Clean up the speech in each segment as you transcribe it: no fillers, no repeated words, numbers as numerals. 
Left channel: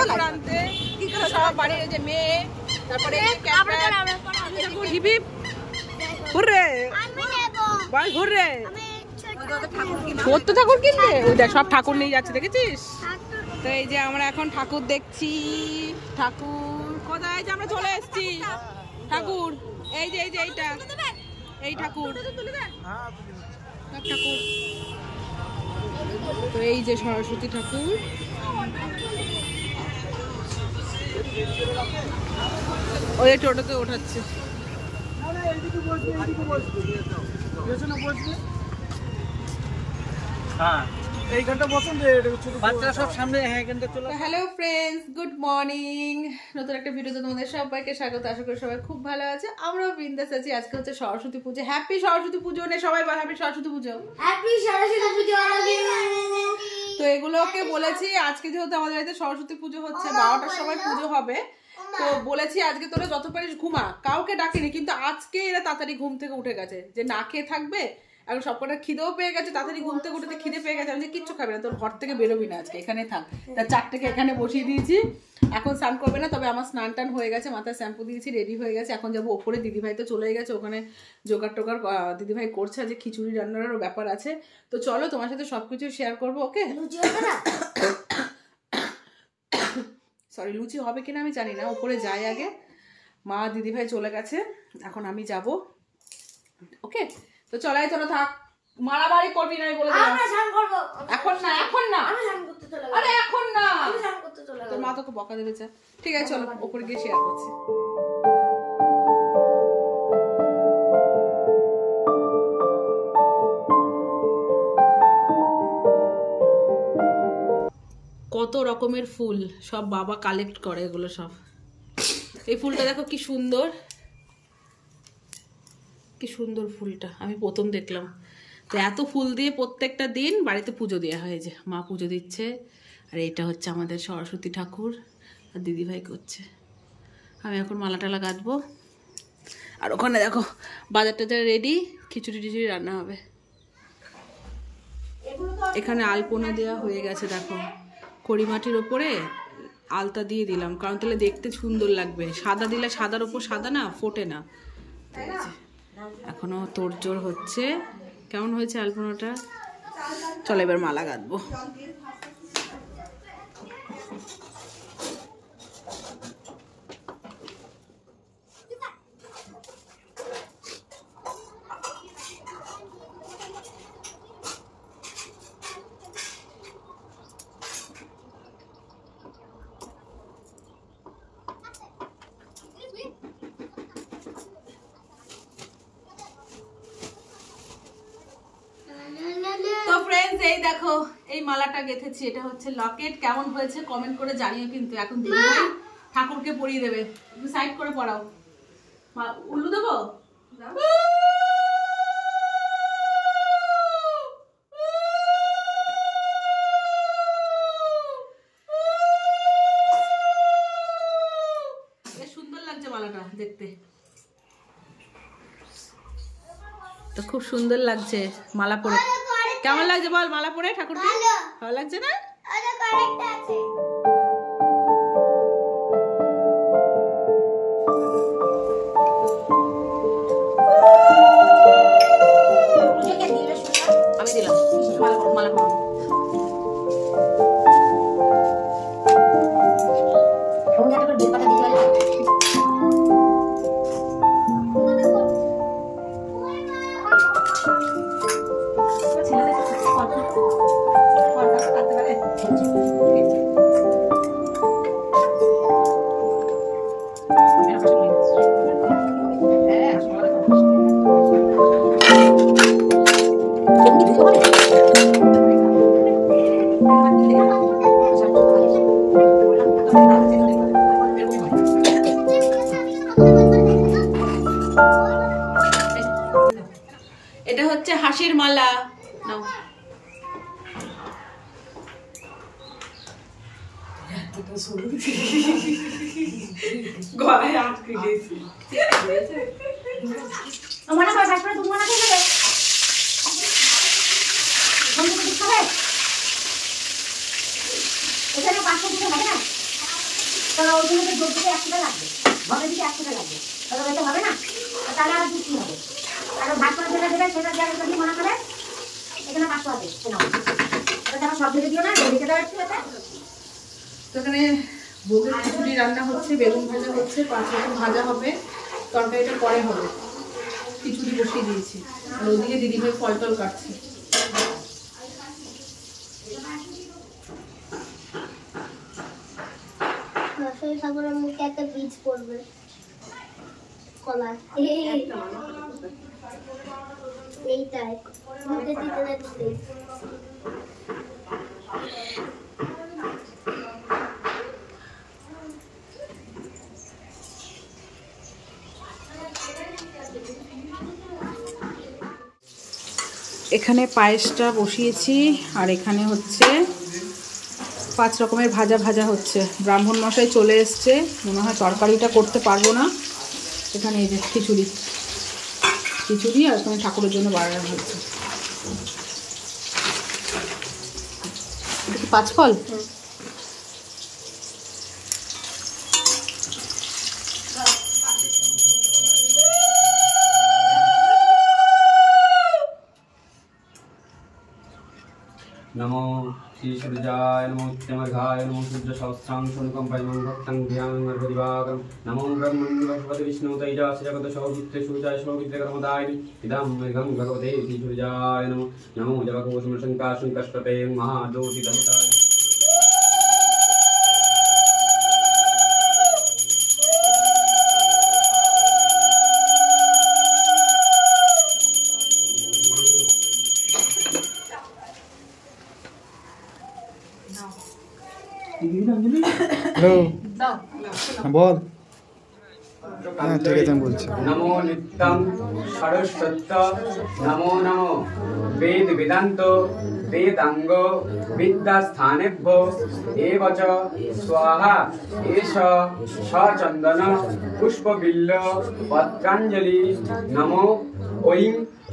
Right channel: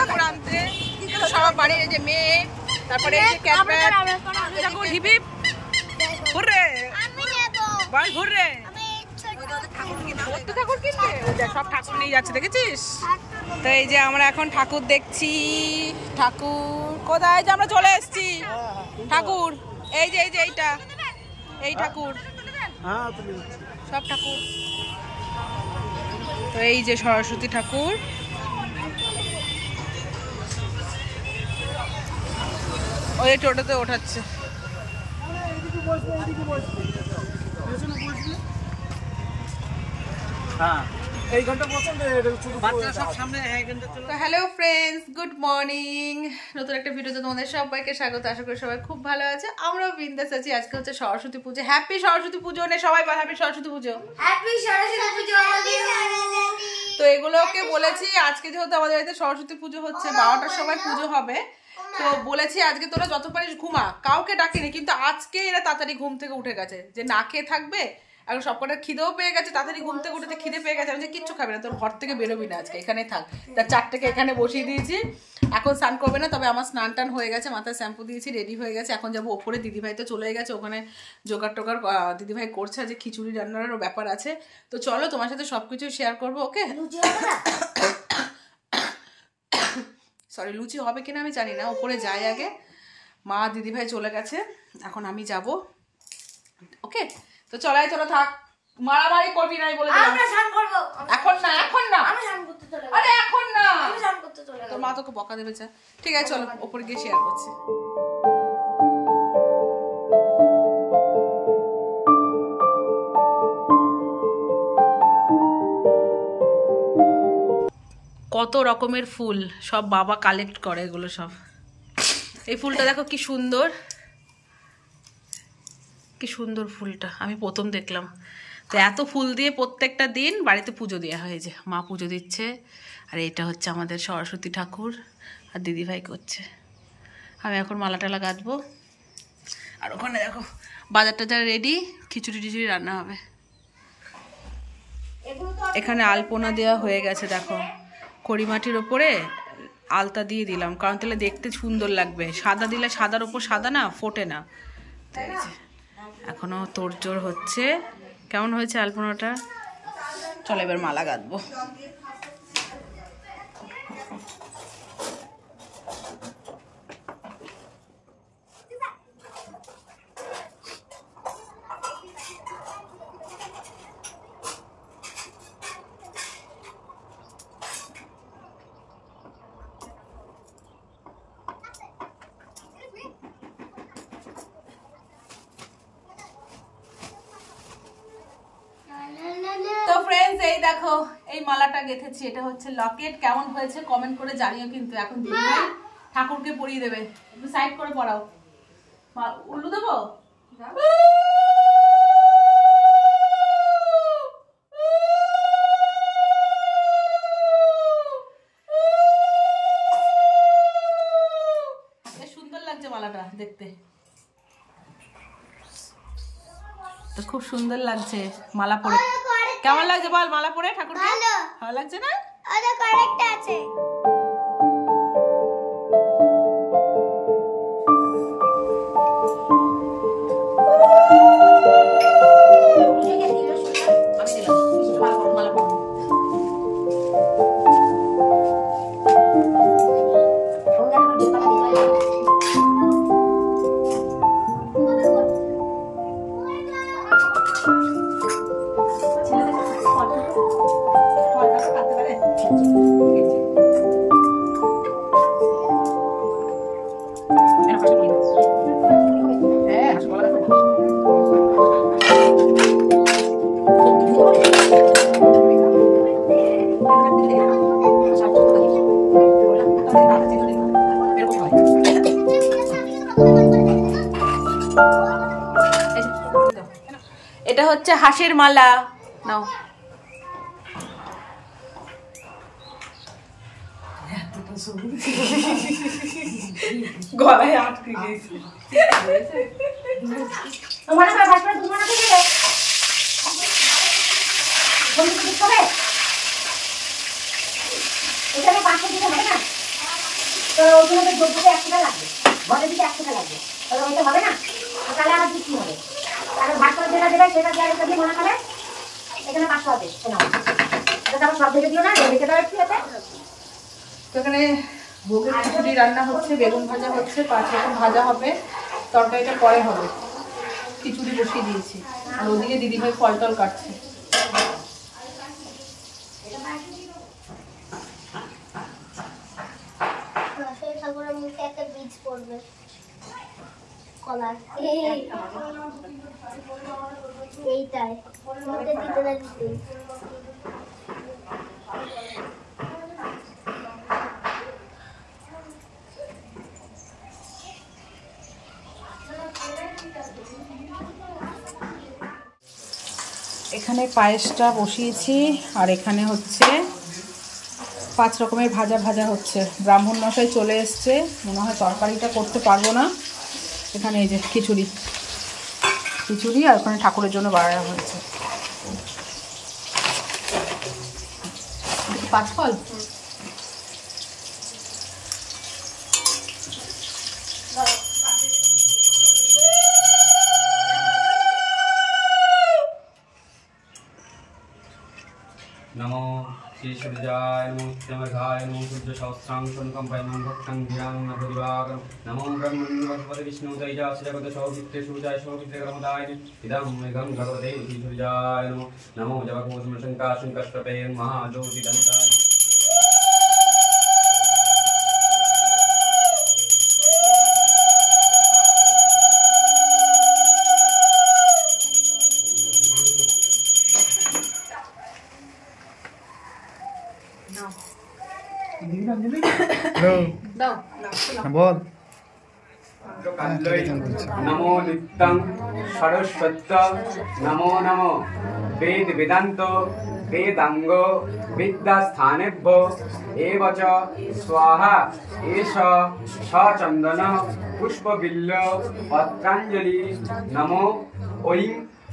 ঠাকুর আনতে সব বাড়ির যে মেয়ে, তারপরে ঠাকুর হিপিপ ঘুরে ভাই ঘুরে তো ঠাকুর কিনবে, সব ঠাকুর নিয়ে যাচ্ছে দেখেছিস। তো এই যে আমরা এখন ঠাকুর দেখছি। ঠাকুর কোথায় যে আমরা চলে এসেছি। ঠাকুর এই যে এইটা, এই ঠাকুর সব ঠাকুর। তো এই যে সরস্বতী ঠাকুর, ওই টোটোতে ওঠাচ্ছে। Hello friends, good morning. নতুন একটা ভিডিওতে তোমাদের সবাইকে স্বাগত। আশা করি সবাই খুব ভালো আছে, আমরাও বিন্দাস আছি। আজকে হচ্ছে সরস্বতী পুজো। হ্যাপি সরস্বতী পুজো নে সবাই, হ্যাপি সরস্বতী পুজো। তো এগুলোকে বলেছি আজকে যেহেতু আমাদের বাড়িতে সরস্বতী পুজো হচ্ছে, 12টার সময় পুজো হবে, তো বলেছি আজকে তোরা যত পারিস ঘুমা, কাউকে ডাকিনি। কিন্তু আজকে এরা তাড়াতাড়ি ঘুম থেকে উঠে গেছে, যে না খেয়ে থাকবে। এখন সবকটা খিদেও পেয়ে গেছে, তাড়াতাড়ি ঘুম থেকে উঠে খিদে পেয়ে গেছে। আমি যে কিচ্ছু খাবে না, তোর ঘর থেকে বেরোবি না, আজকে এখানে থাক। তার 4টাকে এখানে বসিয়ে দিয়েছি। এখন স্নান করবে না, তবে আমার স্নান টান হয়ে গেছে, মাথায় শ্যাম্পু দিয়েছি, রেডি হয়ে গেছে। এখন যাবো ওপরে, দিদিভাই তো চলে গেছে ওখানে, জোগাড় টোগাড় দিদিভাই করছে, যে খিচুড়ি রান্নারও ব্যাপার আছে। তো চলো তোমার সাথে সবকিছু শেয়ার করবো। ওকে, সরি লুচি হবে কিনা আমি জানি না, উপরে যাই আগে। মা দিদিভাই চলে গেছে, এখন আমি যাব। ওকে, তো চলাই চলো থাক, মারামারি করবি না বলে দিলাম। এখন না, এখন না, আরে এখন না, তোর মা তোকে বকা দেবে। ঠিক আছে চলো উপরে গিয়ে শেয়ার করছি। কত রকমের ফুল সব বাবা কালেক্ট করে, এগুলো সব। এই ফুলটা দেখো কি সুন্দর, কি সুন্দর ফুলটা, আমি প্রথম দেখলাম। তো এত ফুল দিয়ে প্রত্যেকটা দিন বাড়িতে পুজো দেওয়া হয়। যে মা পুজো দিচ্ছে, আর এটা হচ্ছে আমাদের সরস্বতী ঠাকুর, আর দিদিভাই করছে। আমি এখন মালা টালা গাঁথবো। আর ওখানে দেখো বাজার টাজার রেডি, খিচুড়ি টিচুড়ি রান্না হবে। এখানে আলপনা দেওয়া হয়ে গেছে, দেখো কড়িমাটির ওপরে আলতা দিয়ে দিলাম, কারণ তাহলে দেখতে সুন্দর লাগবে। সাদা দিলে সাদার ওপর সাদা না ফোটে না। তো এই যে এখনো তোড়জোড় হচ্ছে। কেমন হয়েছে আলপনাটা? চলো এবার মালা গাঁথবো। তো ফ্রেন্ডস এই দেখো এই মালাটা গেঁথেছি, এটা হচ্ছে লকেট। কেমন হয়েছে কমেন্ট করে জানিও কিন্তু। এখন দিদিভাই ঠাকুরকে পরিয়ে দেবে, একটু সাইড করে পড়াও। উল্লু দেবো? বেশ সুন্দর লাগছে মালাটা দেখতে, তো খুব সুন্দর লাগছে মালা পরে। কেমন লাগছে বল মালা পরে ঠাকুরকে? ভালো লাগছে না? আমি দিলাম মালা পরে। এটা হচ্ছে হাঁসের মালা, নাও। গলায় আটকে গেছে। তো ওখানে তো যোগ্যতে 1 টাকা লাগবে, বলে দিতে 1 টাকা লাগবে, তাহলে ওইটা হবে না, তাহলে আমার কি হবে? আর ভাগ করে যেটা দেবে সেটা দিয়ে যদি মনে করে এখানে 500 হবে, শোনো এটা আমার সব থেকে দিও না, দেখে দাও একটু এটা। এখানে ভোগের খিচুড়ি রান্না হচ্ছে, বেগুন ভাজা হচ্ছে, 5 রকম ভাজা হবে, তরকারিটা পরে হবে। খিচুড়ি বসিয়ে দিয়েছি আর ওদিকে দিদিভাই ফল টল কাটছে। ঠাকুরের মুখে একটা বীজ পড়বে, কলা এইটাই মুখে দিতে লাগছে। এখানে পায়েসটা বসিয়েছি আর এখানে হচ্ছে 5 রকমের ভাজা ভাজা হচ্ছে। ব্রাহ্মণ মশাই চলে এসছে, মনে হয় তরকারিটা করতে পারবো না। এখানে এই যে খিচুড়ি খিচুড়ি আর ওখানে ঠাকুরের জন্য বাড়ানো হচ্ছে। এটা কি 5 ফল? नमो श्री सूर्याय नमो नित्यमर्घाय नमो सूर्य सहस्रांग संकंपयनं भक्तं ध्यानं नरदिवाकरं नमो ब्रह्मन् भगवते विष्णु तैजास जगत सौमित्रे सूर्याय सौमित्रे कर्मदाय इदं मेघं भगवते श्री सूर्याय नमो नमो जगत्कोशं शंकाशं कष्टपे महाज्योति धमताय হ্যালো, বল। नमो नित्यं सरस्वत नमो नमो वेद वेदांत वेदांग विद्यास्थानेभ्यो एव च स्वाहा एष सचंदन पुष्पबिल्ल पत्रांजलि नमो ओं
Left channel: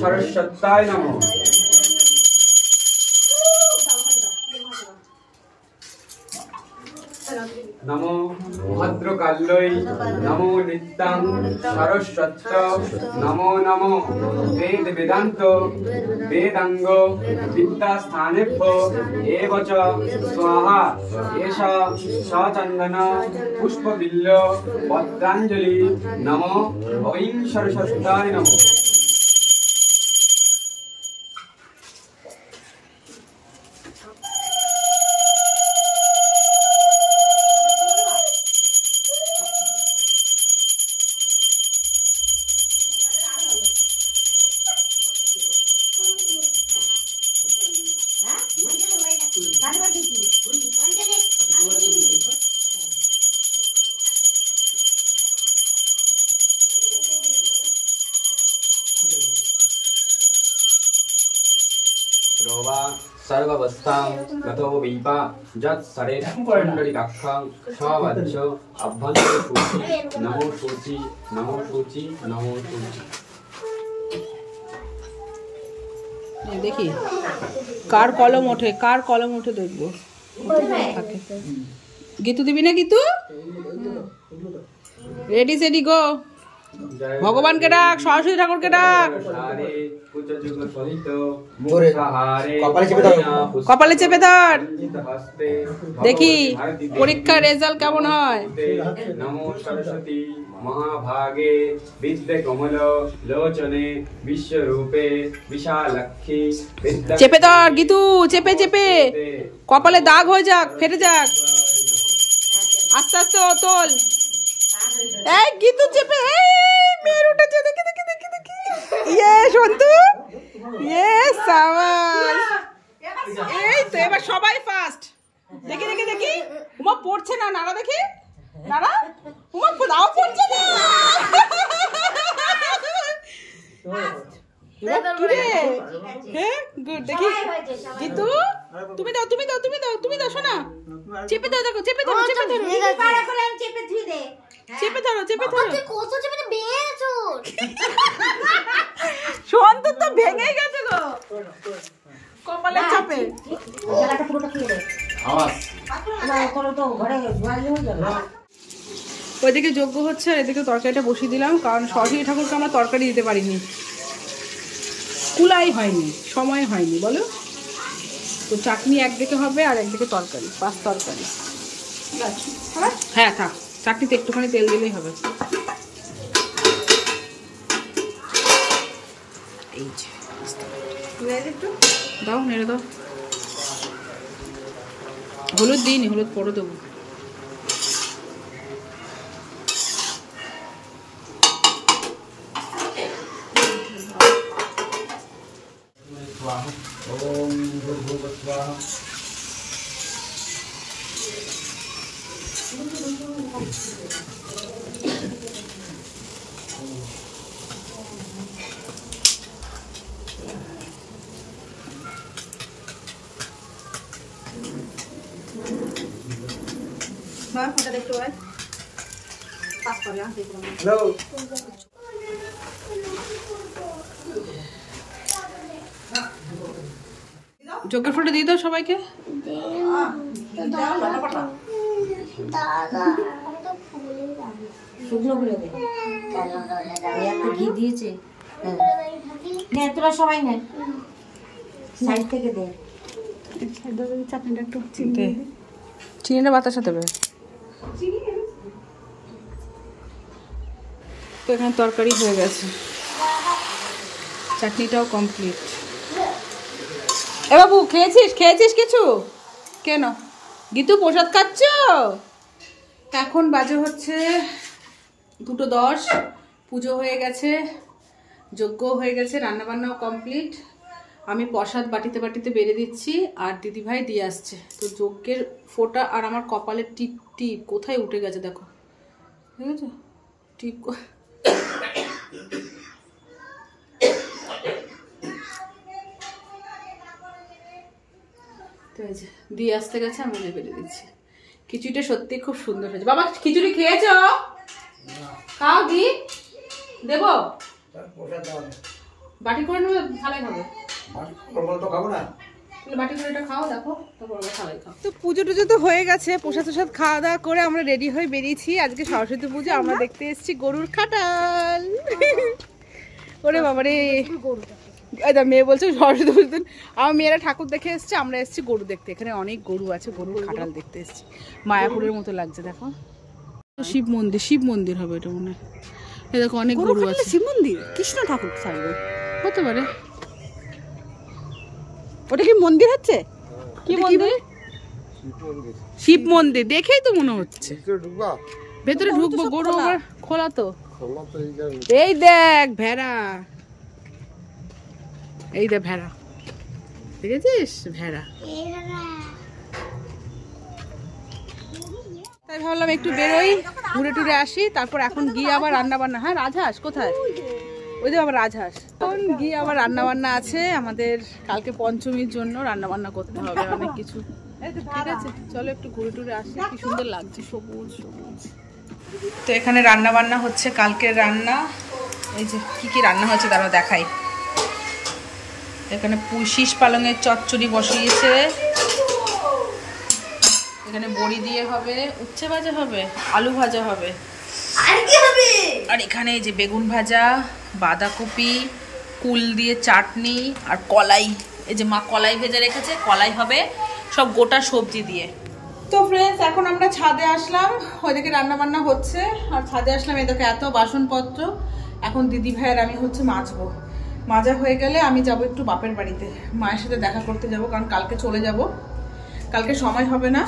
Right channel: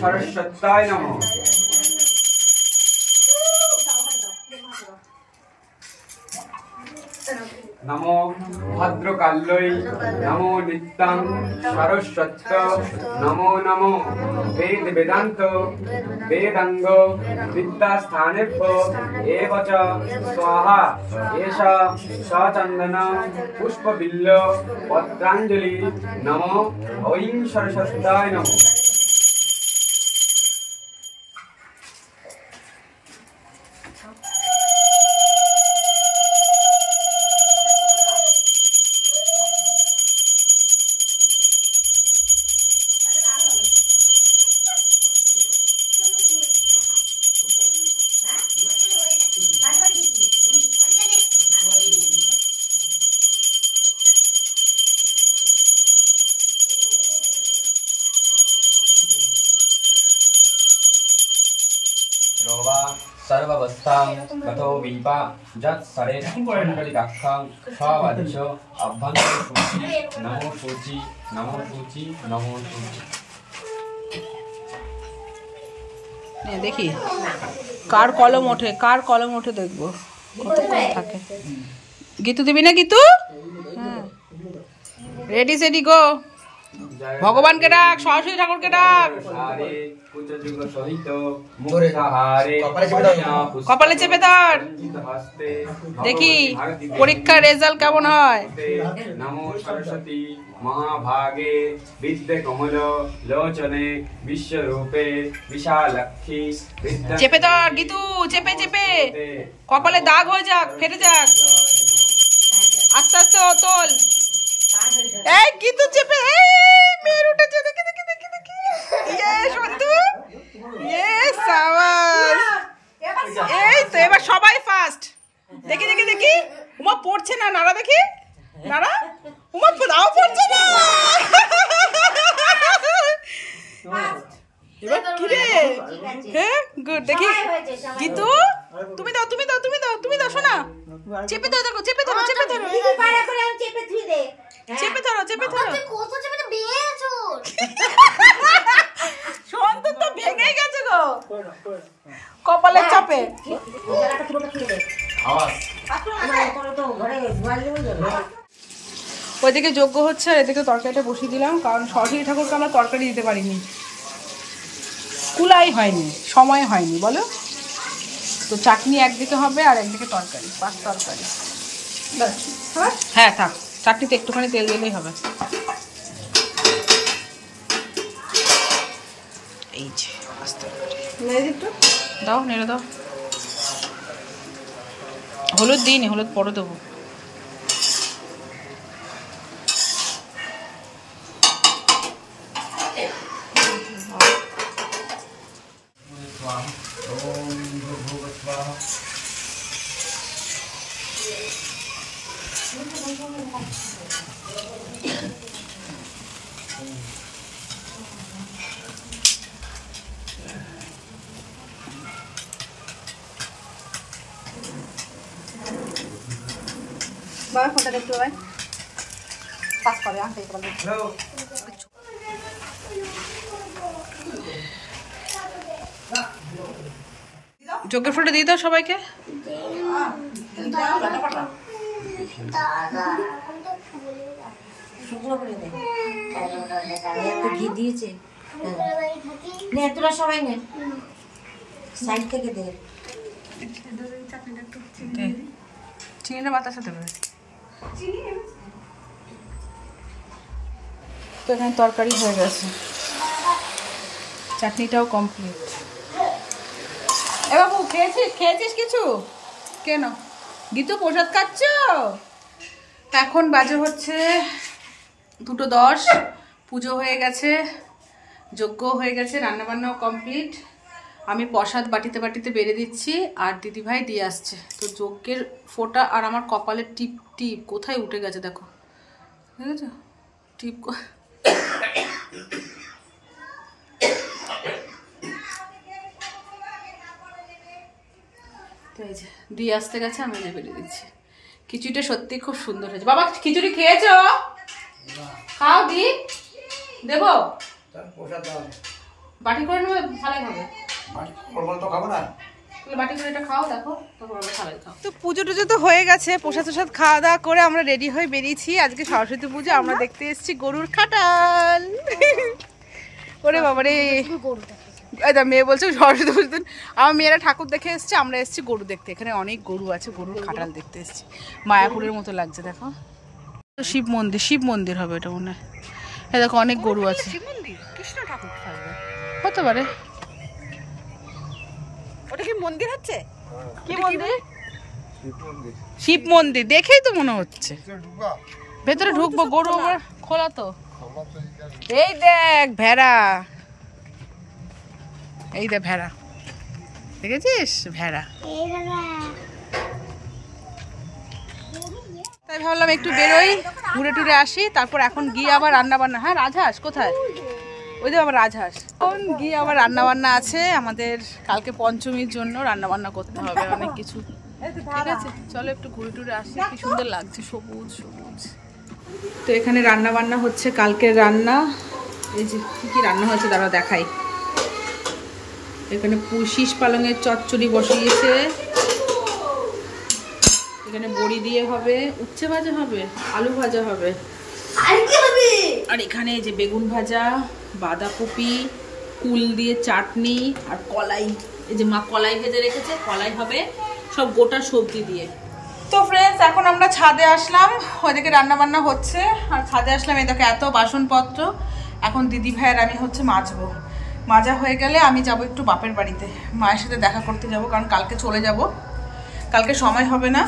सरस्वताय नमो। नमो भद्रकाल्यै नमो नित्यं सरस्वत नमो नमो वेद वेदांत वेदांग विद्यास्थानेभ्यो एव च स्वाहा एष सचंदन पुष्पबिल्ल पत्रांजलि नमो ओं सरस्वताय नमो। रोवा सर्वावस्थां गतो वीपा जत् सरे पुण्डरीकाक्षं स्वादिश अभ्यंतर सूचि नमो सूचि नमो सूचि नमो सूचि। দেখি কার কলম ওঠে দেখবো কতক্ষণ থাকে। গীতু দিবি না? গীতু রেডি সেডি গো। ভগবানকে ডাক, সরস্বতী ঠাকুরকে ডাক। কপালে চেপে ধর, দেখি পরীক্ষার রেজাল্ট কেমন হয়। নমো সরস্বতী মহাভাগে বিদ্যে কমল লোচনে বিশ্বরূপে বিশালাক্ষী। চেপে ধর গীতু, চেপে চেপে কপালে দাগ হয়ে যাক, ফেটে যাক। আস্তে আস্তে তোল। এই গীতু চেপে, এই মেয়ের উঠেছে, দেখি দেখি দেখি দেখি। ইয়ে সন্তু, ইয়ে সাবাস। এই তো এবার সবাই ফার্স্ট। দেখি দেখি দেখি। উমা পড়ছে না, নাড়া দেখি, নাড়া। উমা দাও পড়ছে না। এবার কি রে? হ্যাঁ গুড। দেখি গীতু, তুমি দাও তুমি দাও তুমি দাও তুমি দাও শোনা। চেপে ধরো, দেখো চেপে ধরো চেপে ধরো চেপে ধরো চেপে ধরো। সন্তু তো ভেঙে গেছে গো কপালের চাপে। ওইদিকে যজ্ঞ হচ্ছে আর এদিকে তরকারিটা বসিয়ে দিলাম, কারণ সরস্বতী ঠাকুরকে আমরা তরকারি দিতে পারিনি, কুলাই হয়নি, সময় হয়নি বলো। তো চাটনি একদিকে হবে আর একদিকে তরকারি, 5 তরকারি। হ্যাঁ থাক, চাটনিতে একটুখানি তেল দিলেই হবে। এই যে দাও, নেড়ে দাও। হলুদ দিইনি, হলুদ পরে দেবো। যজ্ঞের ফটো দিয়ে দাও সবাইকে। শুকনো করে দে, একটু ঘি দিয়েছে, নে তোরা সবাই নে, সাইড থেকে দে। চিনিটা বাতাসা দেবে। তো এখানে তরকারি হয়ে গেছে, চাটনিটাও কমপ্লিট। ও বাবু খেয়েছিস কিছু? কেন গীতু প্রসাদ খাচ্ছ? এখন বাজে হচ্ছে 2:10, পুজো হয়ে গেছে, যজ্ঞ হয়ে গেছে, রান্নাবান্নাও কমপ্লিট। আমি প্রসাদ বাটিতে বাটিতে বেড়ে দিচ্ছি আর দিদিভাই দিয়ে আসছে। তো যজ্ঞের ফোঁটা আর আমার কপালের টিপ টিপ কোথায় উঠে গেছে দেখো, দেখেছো টিপ। তো এই যে দিয়ে আসতে গেছে, আমি বেড়ে দিচ্ছি। খিচুড়িটা সত্যি খুব সুন্দর হয়েছে। বাবা খিচুড়ি খেয়েছো? খাও, দি দেবো, বাটি করে নেবে, ভালোই হবে। বাটি করে এটা খাও, দেখো ভালোই খাও। তো পুজো টুজো তো হয়ে গেছে, প্রসাদ টসাদ খাওয়া দাওয়া করে আমরা রেডি হয়ে বেরিয়েছি। আজকে সরস্বতী পুজো, আমরা দেখতে এসেছি গরুর খাটাল। ওরে বাবারে, মেয়ে বলছে সরস্বতী পুজো দিন আমার মেয়েরা ঠাকুর দেখে এসছে, আমরা এসেছি গরু দেখতে। এখানে অনেক গরু আছে, গরুর খাটাল দেখতে এসেছি। মায়াপুরের মতো লাগছে দেখো। শিব মন্দির হবে এটা মনে হয়। দেখো অনেক গরু আছে। শিব মন্দির, কৃষ্ণ ঠাকুর হতে পারে। ওটা কি মন্দির হচ্ছে? কি মন্দির? শিব মন্দির দেখেই তো মনে হচ্ছে। ভেতরে ঢুকবো, গরু আবার খোলা তো। এই দেখ ভেড়া, এই দেখ ভেড়া, দেখেছিস ভেড়া? তাই ভাবলাম একটু বেরোই, ঘুরে টুরে আসি, তারপর এখন গিয়ে আবার রান্না বান্না। হ্যাঁ রাজহাঁস কোথায়? ওই যে আবার রাজহাঁস। এখন গিয়ে আবার রান্না বান্না আছে আমাদের, কালকে পঞ্চমীর জন্য রান্না বান্না করতে হবে অনেক কিছু। ঠিক আছে চলো একটু ঘুরে টুরে আসি। কি সুন্দর লাগছে, সবুজ সবুজ। তো এখানে রান্না বান্না হচ্ছে, কালকের রান্না। এই যে কি কি রান্না হয়েছে দাঁড়াও দেখাই। এখানে শীষ পালঙের চচ্চড়ি বসিয়েছে, এখানে বড়ি দিয়ে হবে, উচ্ছে ভাজা হবে, আলু ভাজা হবে, আর এখানে এই যে বেগুন ভাজা, বাঁধাকপি, কুল দিয়ে চাটনি আর কলাই। এই যে মা কলাই ভেজে রেখেছে, কলাই হবে, সব গোটা সবজি দিয়ে। তো ফ্রেন্ডস এখন আমরা ছাদে আসলাম, ওইদিকে রান্না বান্না হচ্ছে আর ছাদে আসলাম। এই দেখো এত বাসনপত্র, এখন দিদি ভাইয়ের আমি হচ্ছে মাজবো। মাজা হয়ে গেলে আমি যাব একটু বাপের বাড়িতে, মায়ের সাথে দেখা করতে যাব, কারণ কালকে চলে যাব, কালকে সময় হবে না।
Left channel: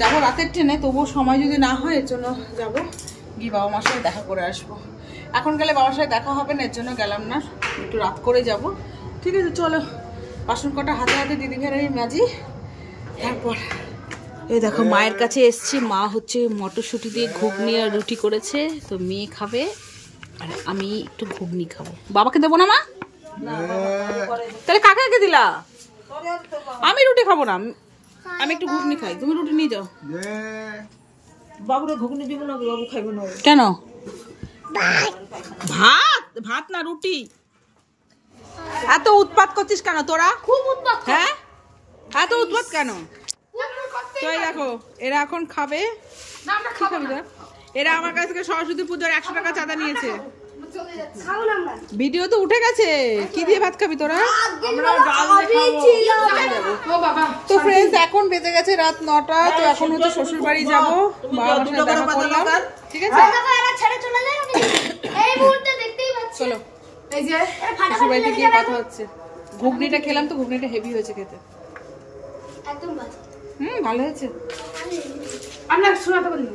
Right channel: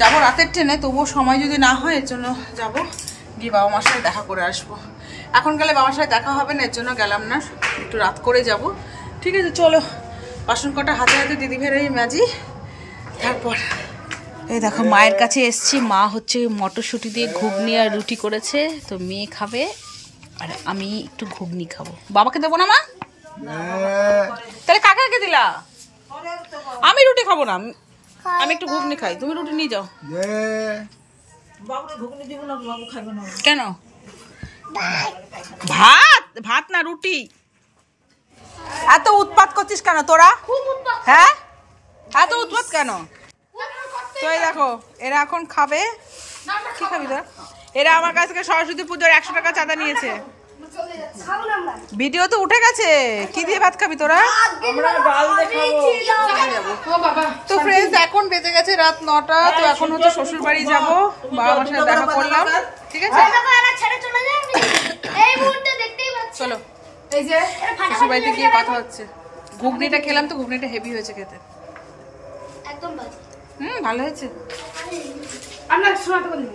যাবো রাতের ট্রেনে, তবুও সময় যদি না হয় এর জন্য যাবো, গিয়ে বাবা মার সাথে দেখা করে আসবো। এখন গেলে বাবার সাথে দেখা হবে না, এর জন্য গেলাম না, একটু রাত করে যাব। ঠিক আছে চলো, বাসন কটা হাতে হাতে দিদি ভাইয়ের মাজি। তারপর এই দেখো মায়ের কাছে এসছি, মা হচ্ছে মটরশুঁটি দিয়ে ঘুগনি আর রুটি করেছে, তো মেয়ে খাবে আর আমি একটু ঘুগনি খাবো। বাবাকে দেবো না মা? তাহলে কাকাকে দিলা? আমি রুটি খাবো না, আমি একটু ঘুগনি খাই, তুমি রুটি নিয়ে যাও। কেন? ভাত ভাত না রুটি। এত উৎপাত করছিস কেন তোরা? হ্যাঁ এত উৎপাত কেন? তো এই দেখো এরা এখন খাবে। কি খাবি তোরা? এরা আমার কাছ থেকে সরস্বতী পুজোর 100 টাকা চাঁদা নিয়েছে। ভিডিও তো উঠে গেছে। কি দিয়ে ভাত খাবি তোরা? আমরা ডাল দেখাবো। তো ফ্রেন্ডস এখন বেজে গেছে রাত 9টা। তো এখন হচ্ছে শ্বশুর বাড়ি যাবো, বাবা মার সাথে দেখা করলাম, ঠিক আছে? চলো শ্বশুর বাড়িতে গিয়ে কথা হচ্ছে। ঘুগনিটা খেলাম তো ঘুগনিটা হেভি হয়েছে খেতে। একদম ভালো। ভালো হয়েছে। আমরা শোনাতে বলি